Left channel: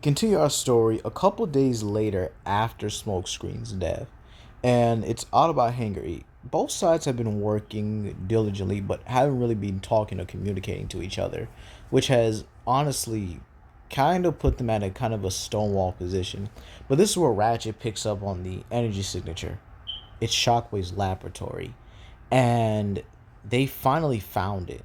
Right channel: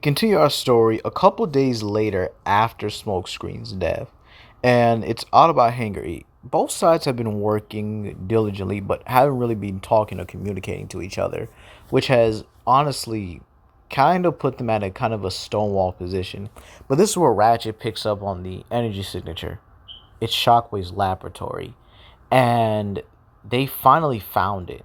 Continue our story a couple days later after Smokescreen's death, and it's Autobot Hangar 8. Both sides have been working diligently, but haven't really been talking or communicating to each other, which has honestly kind of put them at a kind of a stonewall position. But this is where Ratchet picks up on the energy signature. It's Shockwave's laboratory, and they finally found it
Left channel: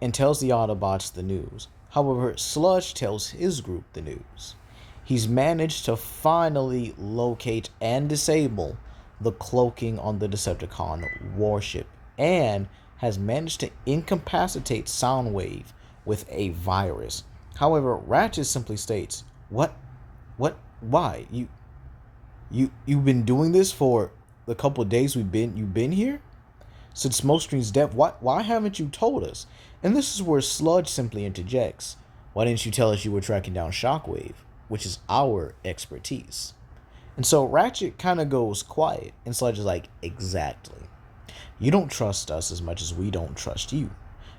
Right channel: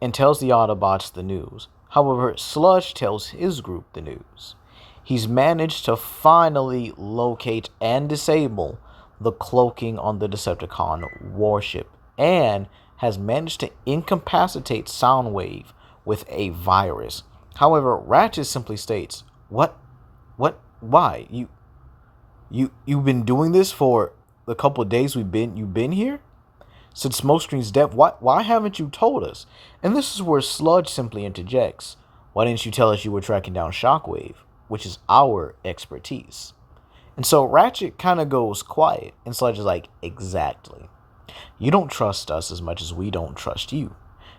and tells the Autobots the news. However, Sludge tells his group the news. He's managed to finally locate and disable the cloaking on the Decepticon warship and has managed to incapacitate Soundwave with a virus. However, Ratchet simply states, "What? What? Why? You've been doing this for the couple of days you've been here? Since Smokescreen's death, why haven't you told us?" And this is where Sludge simply interjects. "Why didn't you tell us you were tracking down Shockwave, which is our expertise?" And so Ratchet kind of goes quiet, and Sludge is like, "Exactly. You don't trust us as much as we don't trust you.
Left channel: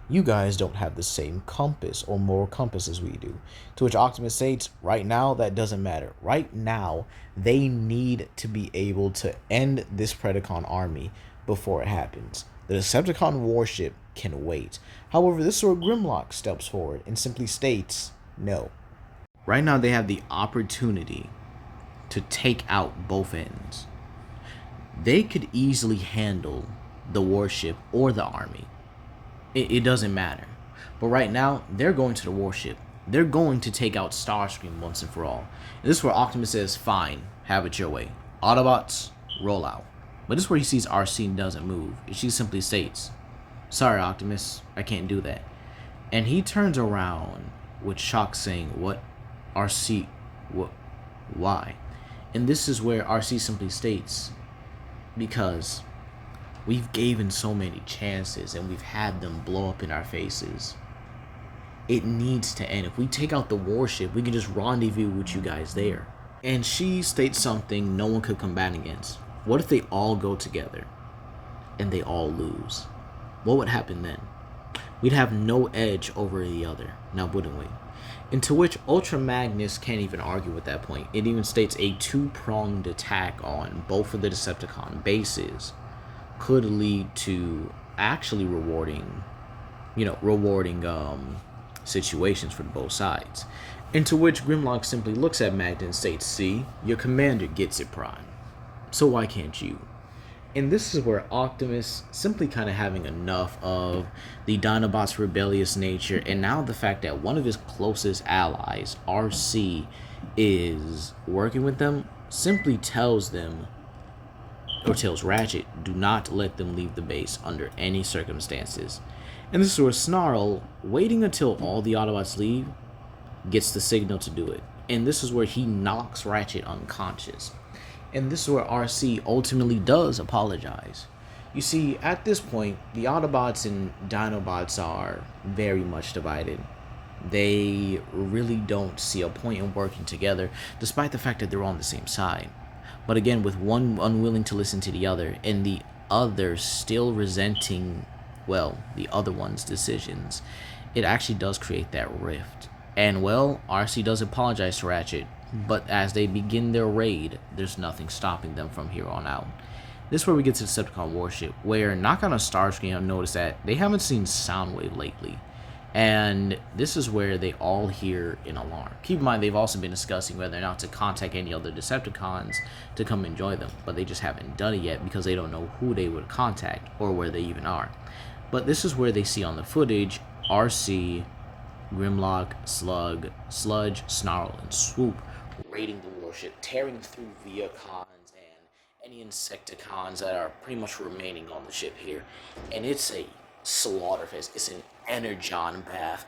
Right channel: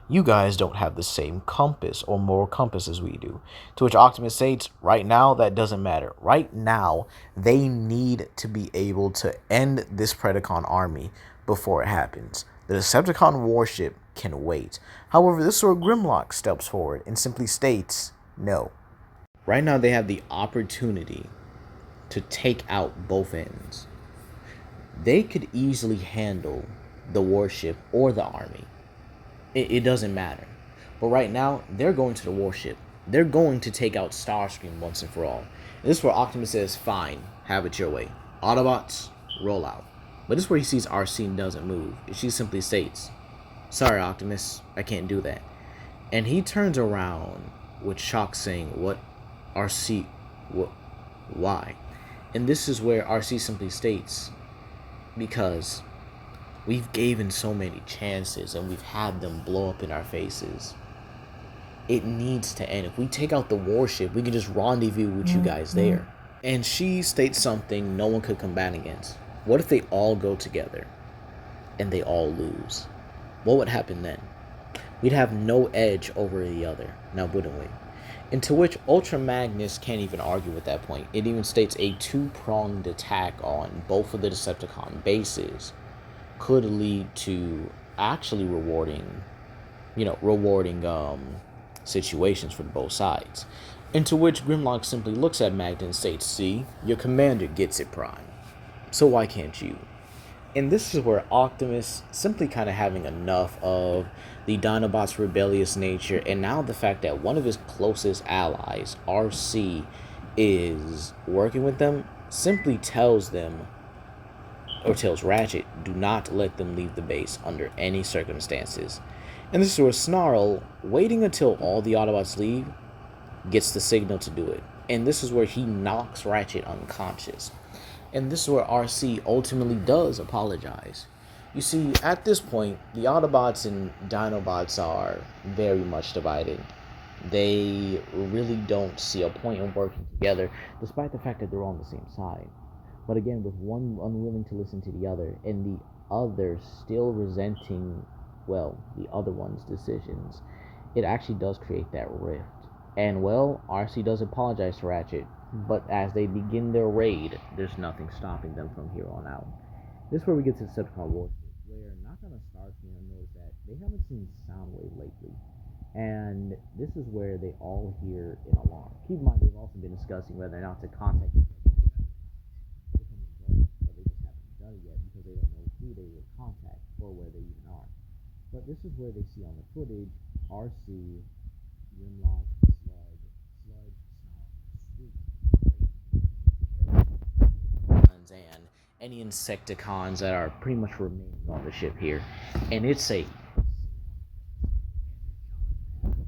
You guys don't have the same compass or moral compass as we do." To which Optimus states, "Right now, that doesn't matter. Right now, they need to be able to end this Predacon army before it happens. The Decepticon warship can wait." However, this is where Grimlock steps forward and simply states, "No. Right now, they have the opportunity to take out both ends. They could easily handle the warship or the army. It doesn't matter. But right now, they're going to the warship. They're going to take out Starscream once and for all." And this is where Optimus says, "Fine, have it your way. Autobots, roll out." But this is where he sees RC and doesn't move. She simply states, "Sorry, Optimus, I can't do that." And he turns around with shock saying, "What? RC? What? Why?" And this is where RC simply states, "Because we've given so many chances and we've had them blow up in our faces. It needs to end. If we take out the warship, we can just rendezvous with you guys there." And she states something no one could combat against. What if they all go together and they all lose? What would happen then? We'd have no edge over the other, now wouldn't we? And to which Ultramagnus can't even argue with that point. It even states a two-pronged attack on both of the Decepticon bases could lead to actually rewarding situations for both sides. And to which Grimlock simply looks at Magda and states, "See, your commander gets it, Prime. So why can't you?" And this is where Optimus, simply kind of having enough of the Dinobots' rebellious nature, and now the fact that one of his closest allies, RC, is working with them, simply tells Ratchet, do not let them leave the base under any circumstances. And this is where Snarl, waiting until all the Autobots leave, gets the signal to do it. And this is where he knocks Ratchet unconscious. And this is where RC ultimately does apologize. You see, at this point, the Autobots and Dinobots are very much divided. They really don't see a point in working together, despite the fact that they're on the same side. But again, with one unwilling to listen to the other, and the other still resenting, well, the other one's decisions, it actually does create that rift. And, well, RC does apologize to Ratchet, but as they begin their raid, there's nothing stopping them from here on out. This is where we get to the Decepticon warship, where Knockout and Starscream have noticed that they haven't seen Soundwave lately. And this is where they all hear an alarm. Keep in mind, they've also been discussing whether or not to contact any other Decepticons to come and join them, but they just haven't done it yet because they don't know who they would contact or where they even are. But this is where they see on the footage RC, Grimlock, Sludge, Snarl, and Swoop raiding the warship, tearing through Viacons and any Insecticons that are pretty much remaining on the ship here. And it's a slaughterfest. It's an energon bath.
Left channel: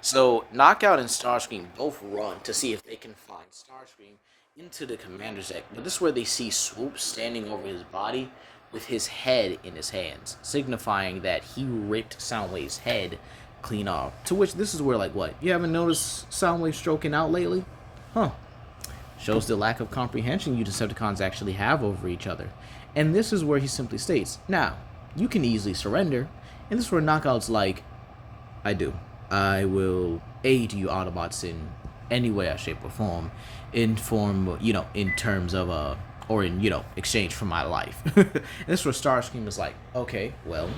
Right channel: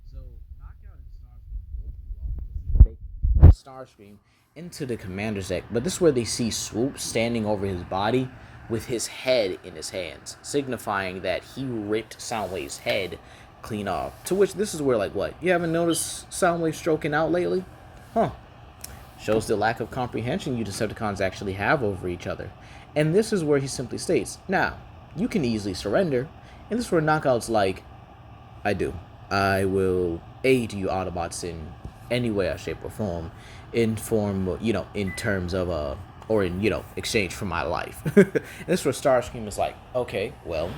So Knockout and Starscream both run to see if they can find Starscream into the commander's deck. But this is where they see Swoop standing over his body with his head in his hands, signifying that he ripped Soundwave's head clean off. To which this is where, like, what? You haven't noticed Soundwave stroking out lately? Huh. Shows the lack of comprehension you Decepticons actually have over each other. And this is where he simply states, "Now, you can easily surrender." And this is where Knockout's like, "I do. I will aid you Autobots in any way, shape, or form, in form, in terms of or in exchange for my life. And this is where Starscream was like, okay, well,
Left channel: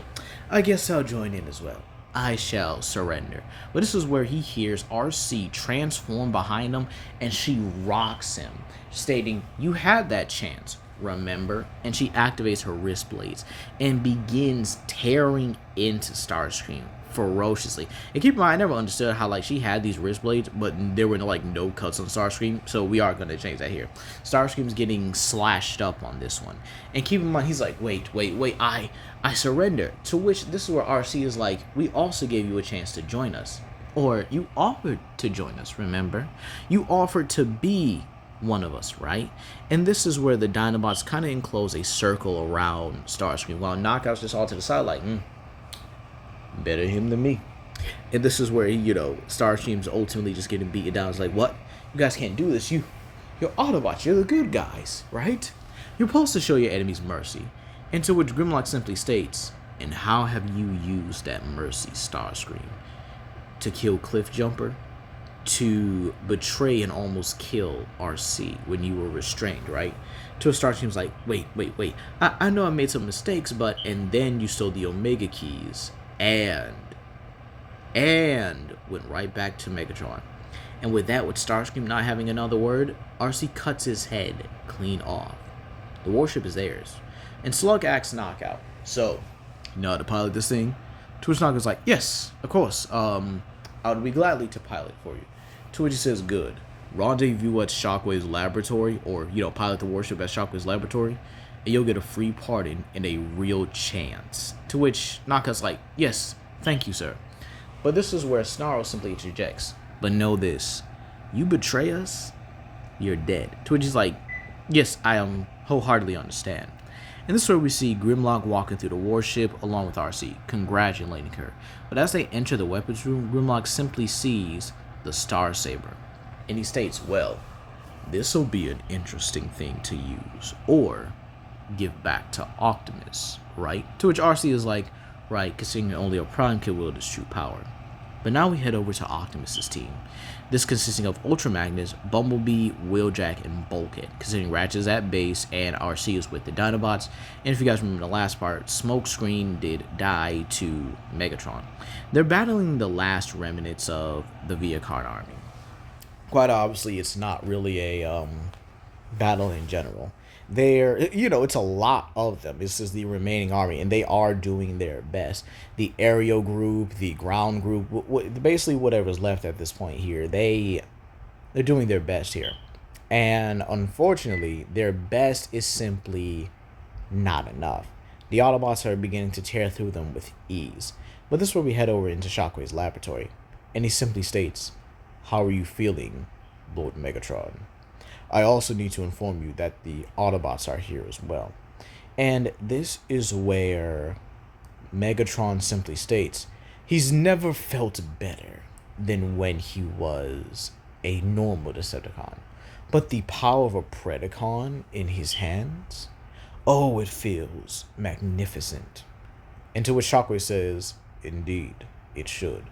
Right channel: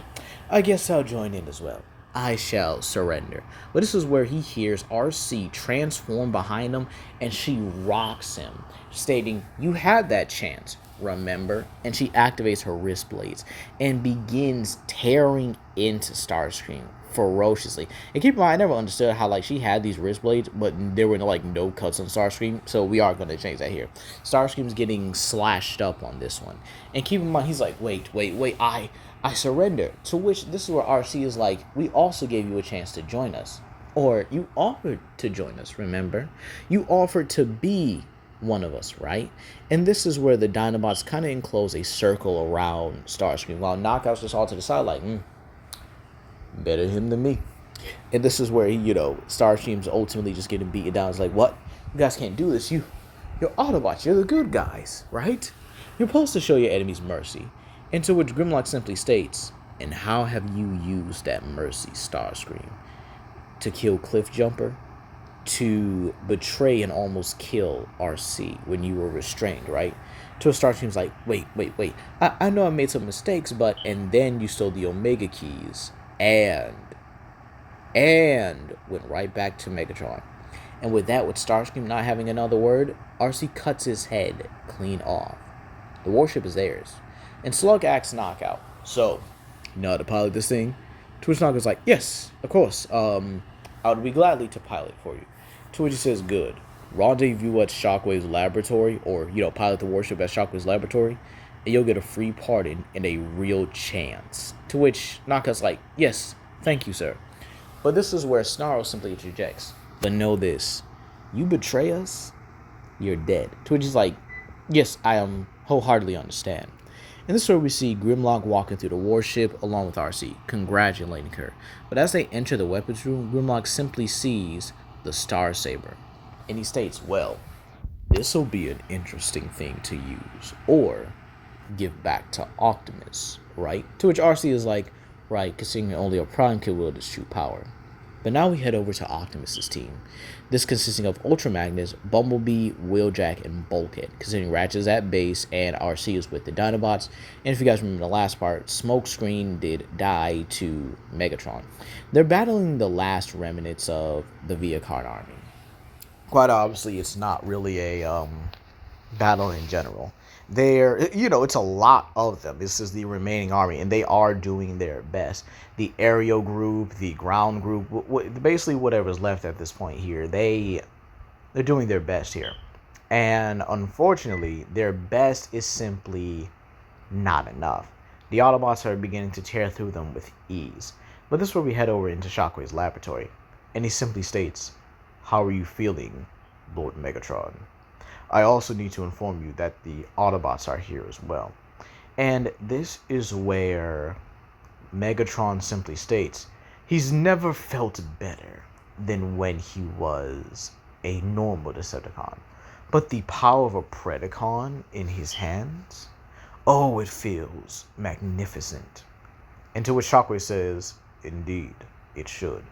I guess I'll join in as well. I shall surrender. But this is where he hears RC transform behind him, and she rocks him, stating, "You had that chance, remember?" And she activates her wrist blades and begins tearing into Starscream ferociously. And keep in mind, I never understood how she had these wrist blades, but there were no cuts on Starscream, so we are going to change that here. Starscream's getting slashed up on this one. And keep in mind, he's like, wait, I surrender. To which this is where RC is like, we also gave you a chance to join us. Or you offered to join us, remember? You offered to be one of us, right? And this is where the Dinobots kind of enclose a circle around Starscream, while Knockout's just all to the side like, better him than me. And this is where, Starscream's ultimately just getting beaten down. It's like, what? You guys can't do this. You're Autobots. You're the good guys, right? You're supposed to show your enemies mercy. And to which Grimlock simply states, and how have you used that mercy, Starscream? To kill Cliffjumper? To betray and almost kill RC when you were restrained, right? To a Starscream's like, wait. I know I made some mistakes, but... And then you stole the Omega keys. And went right back to Megatron. And with that, with Starscream not having another word, RC cuts his head clean off. The warship is theirs. And Slug asks Knockout, so, you know how to pilot this thing? To which Knockout's like, yes, of course. I would be gladly to pilot for you. To which he says, good. Rendezvous at Shockwave's laboratory, or, pilot the warship at Shockwave's laboratory, and you'll get a free pardon and a real chance. To which Knockout's like, yes, thank you, sir. But this is where Snarl simply interjects, but know this, you betray us, you're dead. To which he's like, yes, I wholeheartedly understand. And this is where we see Grimlock walking through the warship along with RC, congratulating her. But as they enter the weapons room, Grimlock simply sees the Star Saber. And he states, well, this'll be an interesting thing to use, or give back to Optimus, right? To which RC is like, right, considering only a Prime can wield its true power. But now we head over to Optimus's team. This consisting of Ultramagnus, Bumblebee, Wheeljack, and Bulkhead, considering Ratchet is at base and RC is with the Dinobots. And if you guys remember the last part, Smokescreen did die to Megatron. They're battling the last remnants of the Viacard army. Quite obviously, it's not really a battle in general. It's a lot of them. This is the remaining army, and they are doing their best. The aerial group, the ground group, basically whatever's left at this point here, they're doing their best here. And unfortunately, their best is simply not enough. The Autobots are beginning to tear through them with ease. But this is where we head over into Shockwave's laboratory, and he simply states, how are you feeling, Lord Megatron? I also need to inform you that the Autobots are here as well. And this is where Megatron simply states, he's never felt better than when he was a normal Decepticon. But the power of a Predacon in his hands, oh, it feels magnificent. And to which Shockwave says, indeed, it should.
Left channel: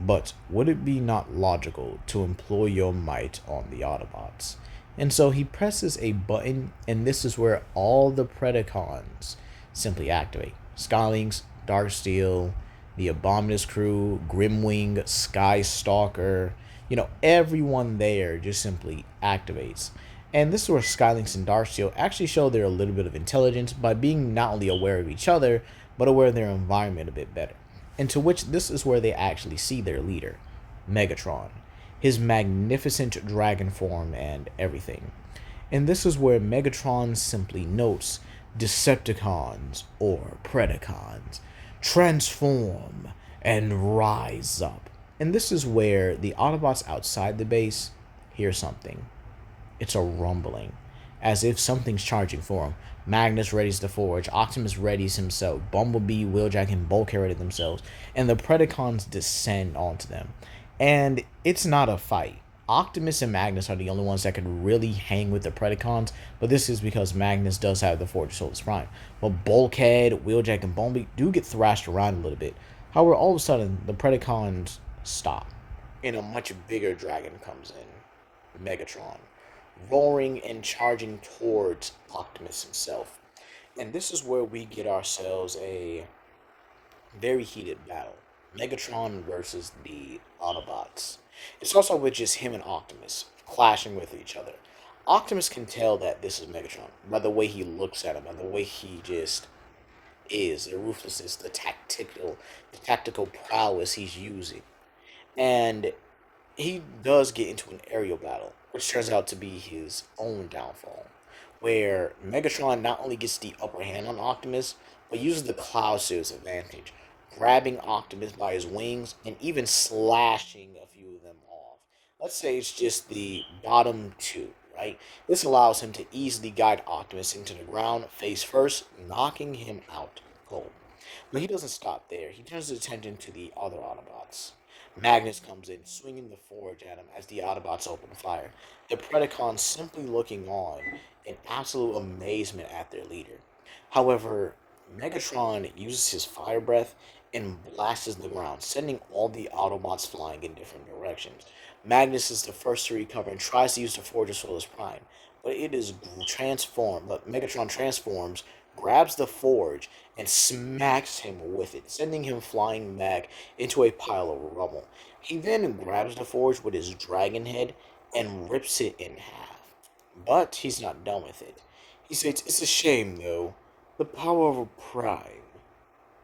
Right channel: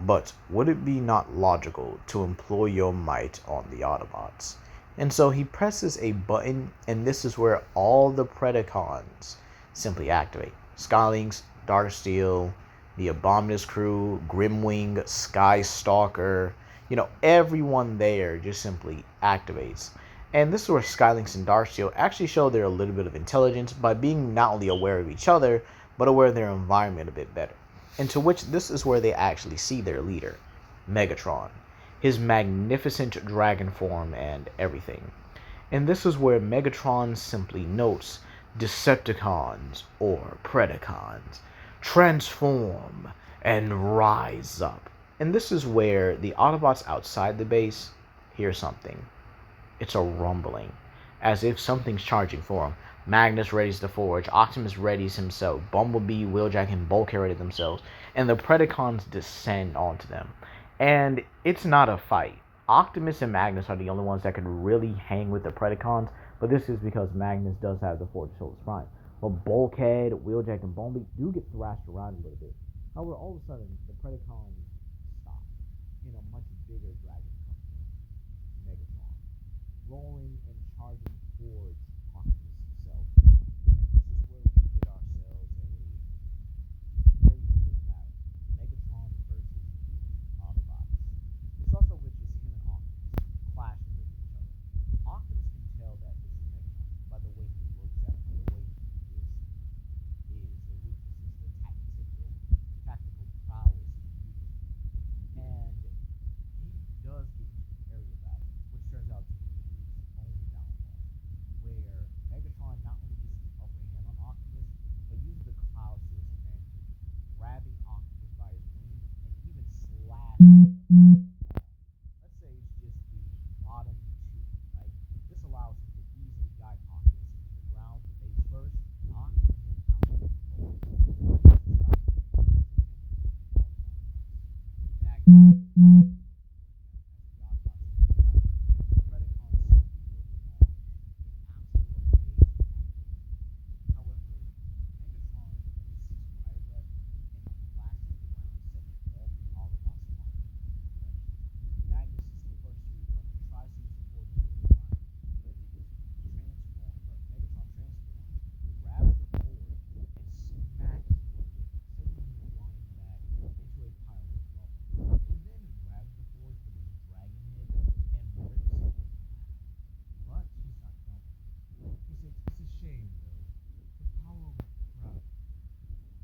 But would it be not logical to employ your might on the Autobots? And so he presses a button, and this is where all the Predacons simply activate. Skylynx, Darksteel, the Abominus crew, Grimwing, Skystalker, everyone there just simply activates. And this is where Skylynx and Darksteel actually show their a little bit of intelligence by being not only aware of each other, but aware of their environment a bit better. And to which this is where they actually see their leader, Megatron, his magnificent dragon form and everything. And this is where Megatron simply notes, Decepticons or Predacons, transform and rise up. And this is where the Autobots outside the base hear something. It's a rumbling, as if something's charging for them. Magnus readies the Forge, Optimus readies himself, Bumblebee, Wheeljack, and Bulkhead ready themselves, and the Predacons descend onto them. And it's not a fight. Optimus and Magnus are the only ones that can really hang with the Predacons, but this is because Magnus does have the Forge of Solus Prime. But Bulkhead, Wheeljack, and Bumblebee do get thrashed around a little bit. However, all of a sudden, the Predacons stop. and a much bigger dragon comes in, Megatron, roaring and charging towards Optimus himself. And this is where we get ourselves a very heated battle. Megatron versus the Autobots. It's also with just him and Optimus clashing with each other. Optimus can tell that this is Megatron by the way he looks at him, by the way he just is, the ruthlessness, the tactical prowess he's using. And he does get into an aerial battle, which turns out to be his own downfall, where Megatron not only gets the upper hand on Optimus, but uses the Cloud Suit's advantage, grabbing Optimus by his wings and even slashing a few of them off. Let's say it's just the bottom two, right? This allows him to easily guide Optimus into the ground face first, knocking him out cold. But he doesn't stop there. He turns his attention to the other Autobots. Magnus comes in, swinging the forge at him as the Autobots open fire. The Predacons simply looking on in absolute amazement at their leader. However, Megatron uses his fire breath and blasts the ground, sending all the Autobots flying in different directions. Magnus is the first to recover and tries to use the Forge of Solus Prime, but it is transformed. But Megatron transforms, grabs the Forge, and smacks him with it, sending him flying back into a pile of rubble. He then grabs the Forge with his dragon head and rips it in half. But he's not done with it. He states, "It's a shame, though. The power of a prime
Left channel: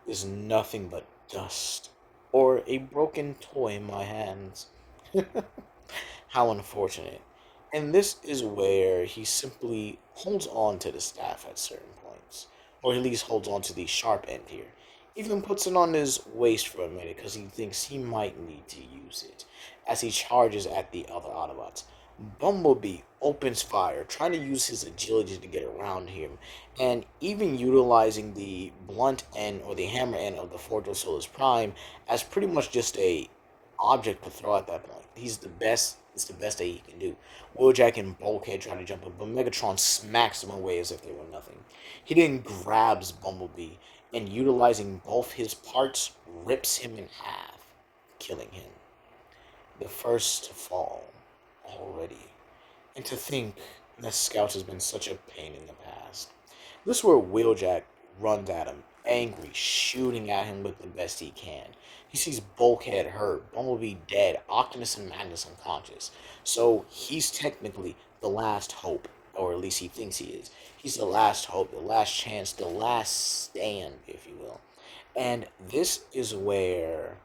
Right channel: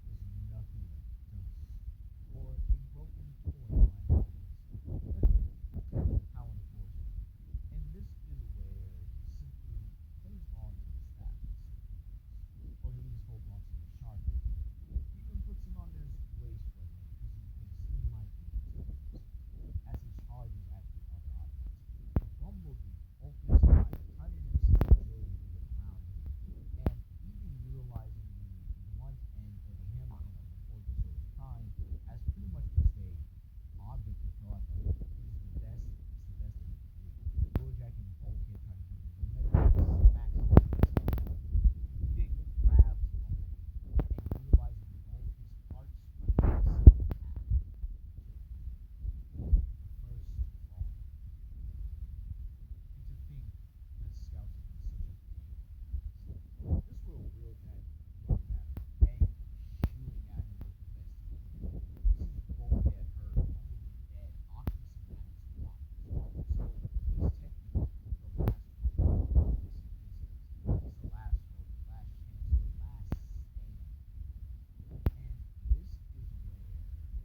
is nothing but dust, or a broken toy in my hands." How unfortunate. And this is where he simply holds on to the staff at certain points, or at least holds on to the sharp end here. Even puts it on his waist for a minute because he thinks he might need to use it as he charges at the other Autobots. Bumblebee opens fire, trying to use his agility to get around him, and even utilizing the blunt end or the hammer end of the Forge of Solus Prime as pretty much just a object to throw at that point. He's the best. It's the best that he can do. Wheeljack and Bulkhead try to jump in, but Megatron smacks them away as if they were nothing. He then grabs Bumblebee and, utilizing both his parts, rips him in half, killing him. The first to fall already. And to think that Scout has been such a pain in the past. This is where Wheeljack runs at him, angry, shooting at him with the best he can. He sees Bulkhead hurt, Bumblebee dead, Optimus and Magnus unconscious. So he's technically the last hope, or at least he thinks he is. He's the last hope, the last chance, the last stand, if you will. And this is where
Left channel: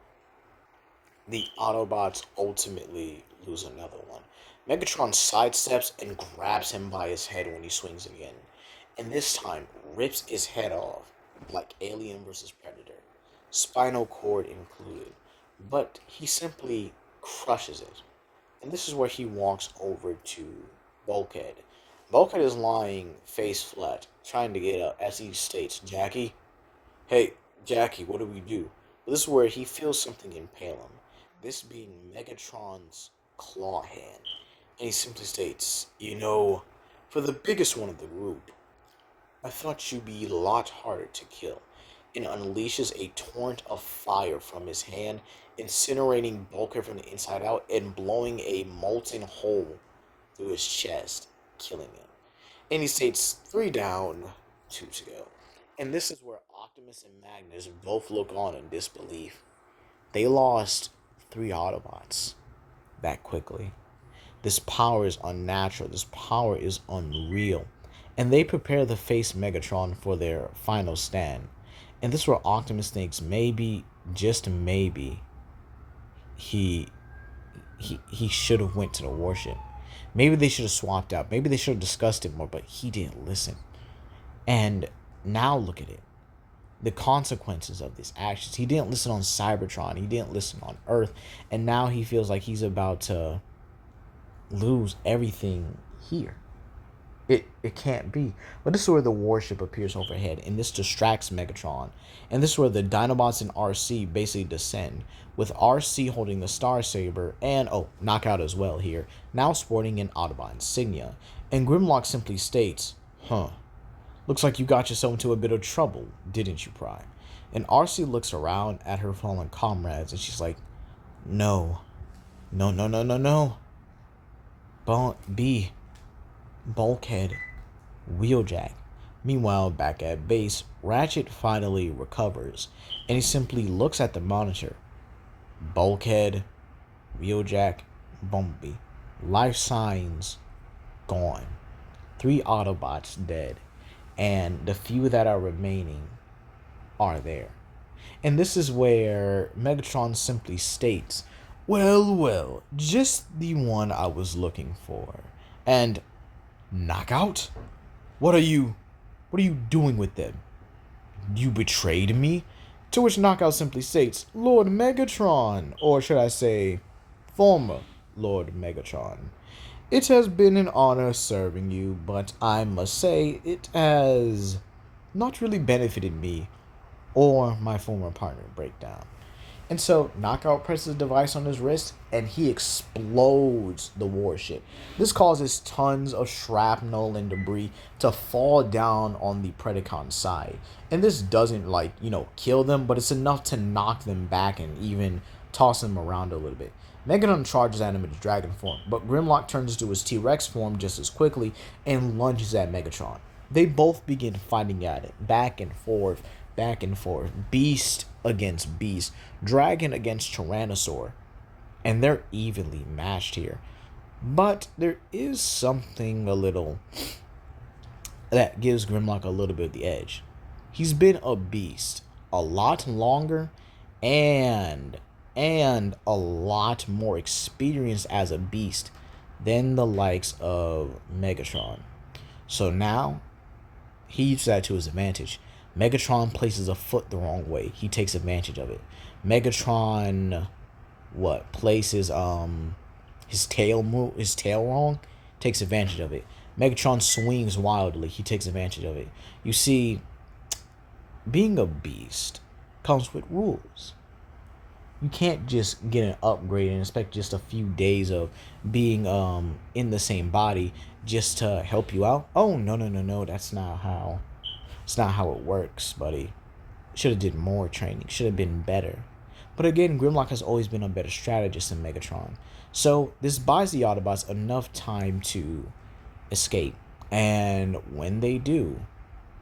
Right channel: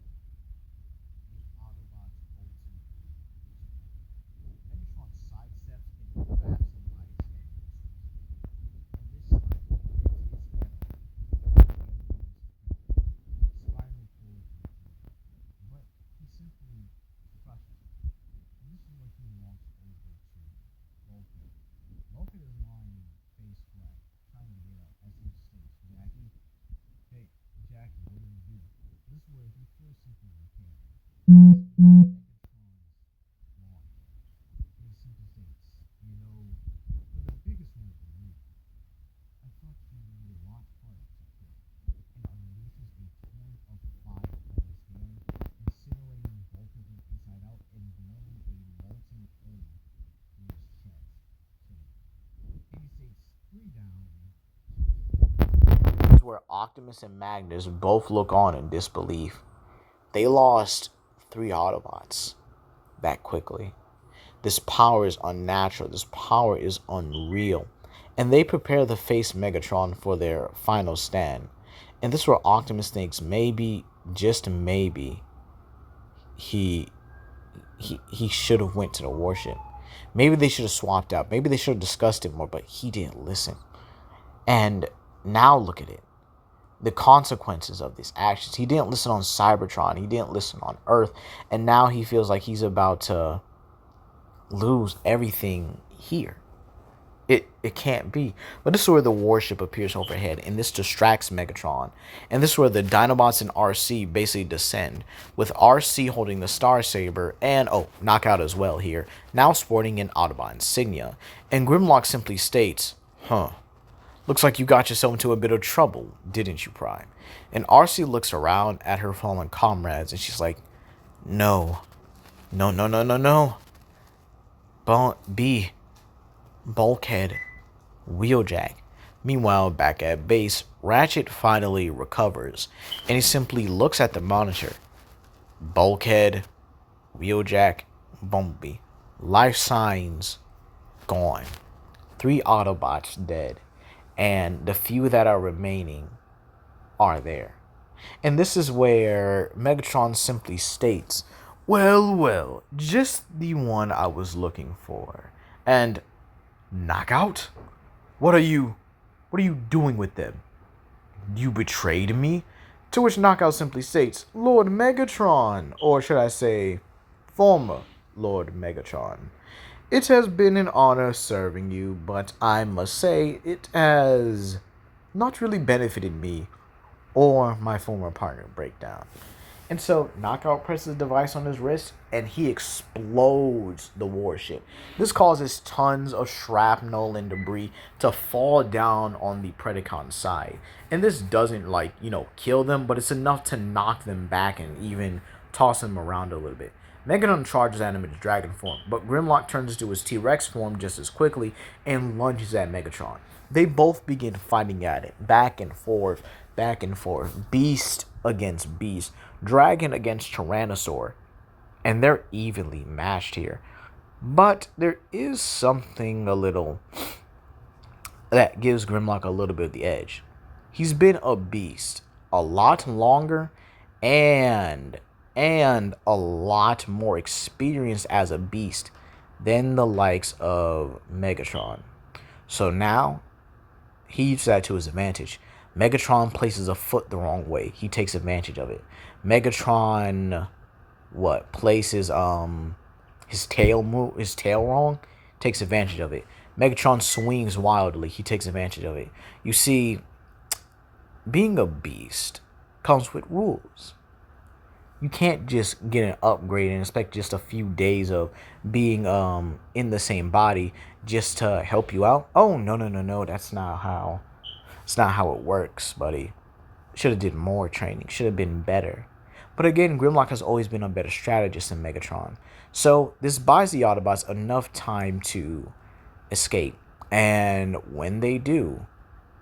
the Autobots ultimately lose another one. Megatron sidesteps and grabs him by his head when he swings again, and this time rips his head off like Alien vs. Predator, spinal cord included, but he simply crushes it. And this is where he walks over to Bulkhead. Bulkhead is lying face flat, trying to get up as he states, "Jackie, hey, Jackie, what do we do?" But this is where he feels something impale him, this being Megatron's claw hand. And he simply states, for the biggest one of the group, I thought you'd be a lot harder to kill," and unleashes a torrent of fire from his hand, incinerating Bulkhead from the inside out and blowing a molten hole through his chest, killing him. And he states, "Three down, two to go." And this is where Optimus and Magnus both look on in disbelief. They lost three Autobots that quickly. This power is unnatural. This power is unreal. And they prepare to face Megatron for their final stand. And this is where Optimus thinks maybe, just maybe, he should have went to the warship. Maybe they should have swapped out. Maybe they should have discussed it more, but he didn't listen. And now look at it. The consequences of these actions. He didn't listen on Cybertron. He didn't listen on Earth. And now he feels like he's about to lose everything here. It can't be. But this is where the warship appears overhead, and this distracts Megatron. And this is where the Dinobots and RC basically descend, with RC holding the Star Saber and, Knockout as well here, now sporting an Autobot insignia. And Grimlock simply states, "Looks like you got yourself into a bit of trouble, didn't you, Prime?" And RC looks around at her fallen comrades, and she's like, "No, No, no, no, no, no. B. Bulkhead. Wheeljack. Meanwhile, back at base, Ratchet finally recovers, and he simply looks at the monitor. Bulkhead, Wheeljack, Bumblebee. Life signs gone. 3 Autobots dead, and the few that are remaining are there. And this is where Megatron simply states, well, well, just the one I was looking for. And Knockout? What are you doing with them? You betrayed me? To which Knockout simply states, Lord Megatron, or should I say, former Lord Megatron. It has been an honor serving you, but I must say it has not really benefited me or my former partner Breakdown. And so Knockout presses the device on his wrist and he explodes the warship. This causes tons of shrapnel and debris to fall down on the Predacon side. And this doesn't kill them, but it's enough to knock them back and even toss them around a little bit. Megatron charges at him in his dragon form, but Grimlock turns into his T-Rex form just as quickly and lunges at Megatron. They both begin fighting at it, back and forth, beast against beast, dragon against tyrannosaur, and they're evenly matched here. But there is something a little that gives Grimlock a little bit of the edge. He's been a beast a lot longer and a lot more experienced as a beast than the likes of Megatron. So now he uses that to his advantage. Megatron places a foot the wrong way. He takes advantage of it. Megatron places his tail wrong, takes advantage of it. Megatron swings wildly. He takes advantage of it. You see, being a beast comes with rules. You can't just get an upgrade and expect just a few days of being in the same body just to help you out. Oh, no. That's not how it works, buddy. Should have did more training. Should have been better. But again, Grimlock has always been a better strategist than Megatron. So this buys the Autobots enough time to escape. And when they do,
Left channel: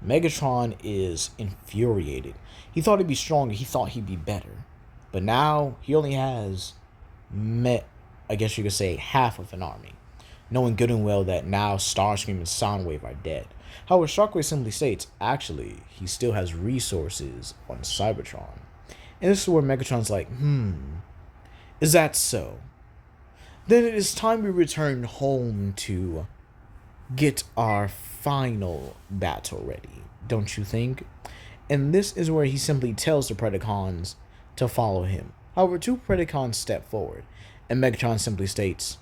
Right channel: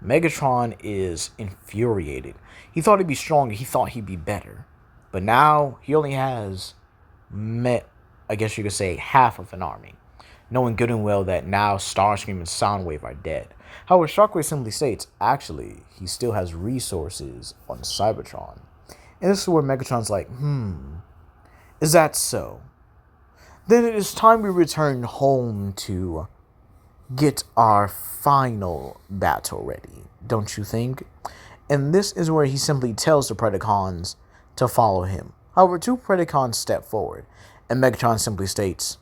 Megatron is infuriated. He thought he'd be stronger. He thought he'd be better. But now he only has, I guess you could say, half of an army. Knowing good and well that now Starscream and Soundwave are dead. However, Shockwave simply states, actually, he still has resources on Cybertron. And this is where Megatron's like, is that so? Then it is time we return home to get our final battle ready, don't you think? And this is where he simply tells the Predacons to follow him. However, 2 Predacons step forward, and Megatron simply states,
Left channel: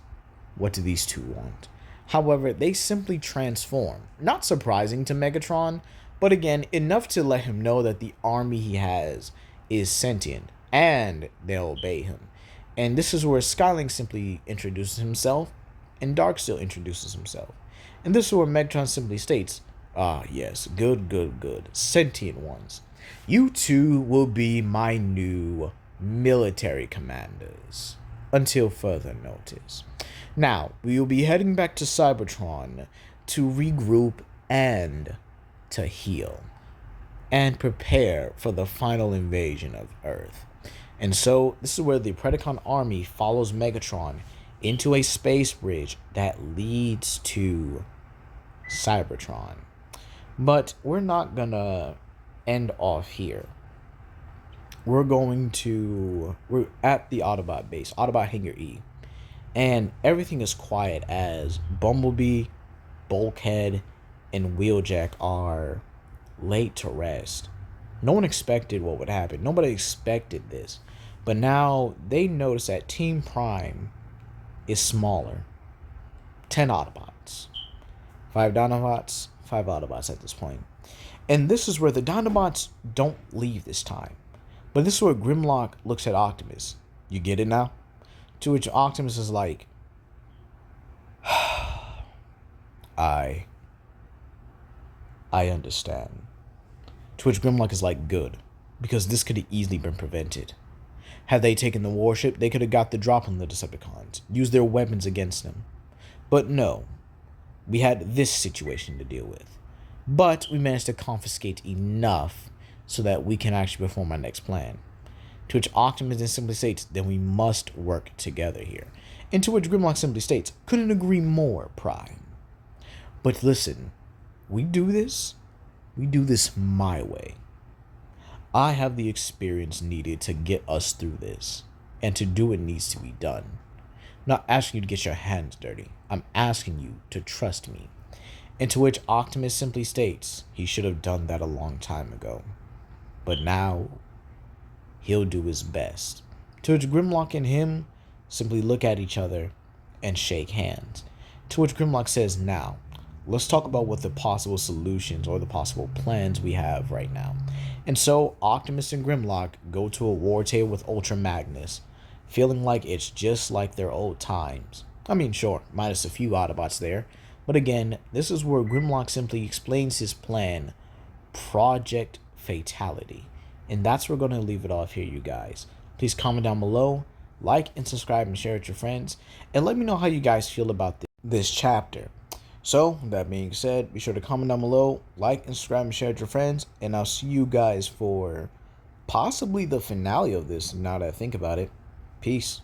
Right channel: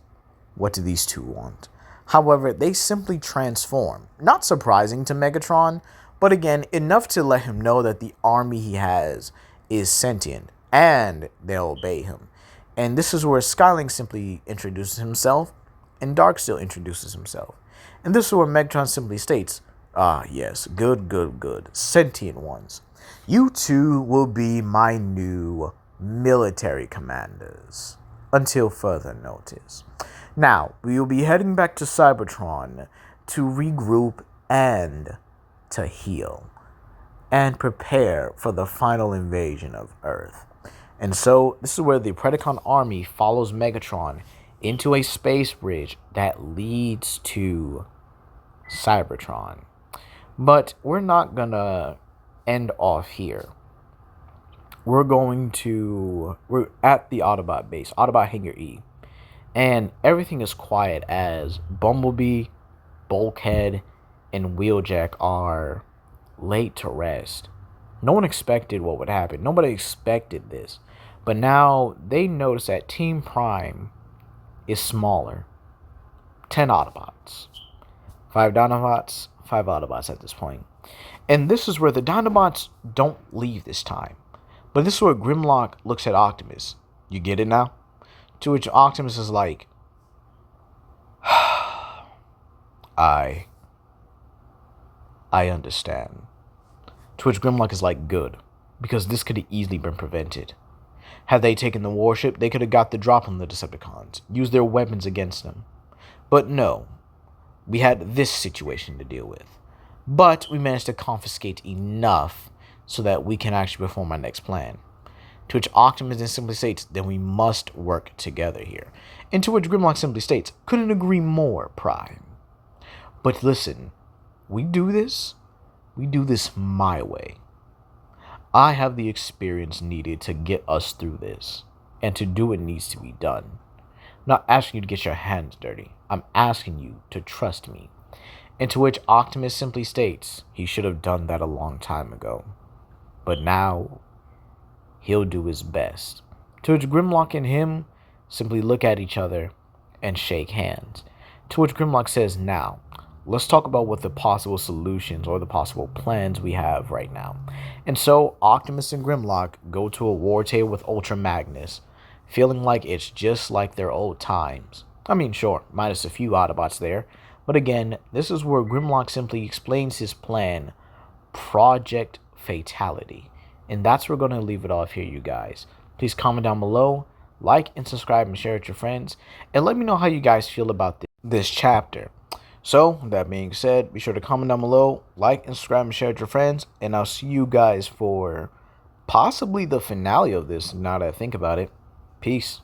what do these 2 want? However, they simply transform. Not surprising to Megatron, but again, enough to let him know that the army he has is sentient, and they'll obey him. And this is where Skylink simply introduces himself, and Darksteel introduces himself. And this is where Megatron simply states, yes, good, sentient ones. You 2 will be my new military commanders, until further notice. Now, we will be heading back to Cybertron to regroup and to heal and prepare for the final invasion of Earth. And so, this is where the Predacon army follows Megatron into a space bridge that leads to Cybertron. But we're not gonna end off here. We're at the Autobot base, Autobot Hangar E. And everything is quiet as Bumblebee, Bulkhead, and Wheeljack are laid to rest. No one expected what would happen. Nobody expected this. But now they notice that Team Prime is smaller. 10 Autobots. 5 Dinobots, 5 Autobots at this point. And this is where the Dinobots don't leave this time. But this is where Grimlock looks at Optimus. You get it now? To which Optimus is like, I understand. To which Grimlock is like, good. Because this could have easily been prevented. Had they taken the warship, they could have got the drop on the Decepticons, used their weapons against them. But no, we had this situation to deal with. But we managed to confiscate enough so that we can actually perform our next plan. To which Optimus then simply states, then we must work together here. And to which Grimlock simply states, couldn't agree more, Prime. But listen, we do this my way. I have the experience needed to get us through this. And to do it needs to be done. I'm not asking you to get your hands dirty. I'm asking you to trust me. And to which Optimus simply states, he should have done that a long time ago. But now, he'll do his best. To which Grimlock and him simply look at each other and shake hands. To which Grimlock says, now, let's talk about what the possible solutions or the possible plans we have right now. And so, Optimus and Grimlock go to a war table with Ultramagnus, feeling like it's just like their old times. I mean, sure, minus a few Autobots there. But again, this is where Grimlock simply explains his plan, Project Fatality. And that's where we're going to leave it off here, you guys. Please comment down below, like and subscribe and share it with your friends, and let me know how you guys feel about this chapter. So, that being said, be sure to comment down below, like and subscribe and share it with your friends, and I'll see you guys for possibly the finale of this, now that I think about it. Peace.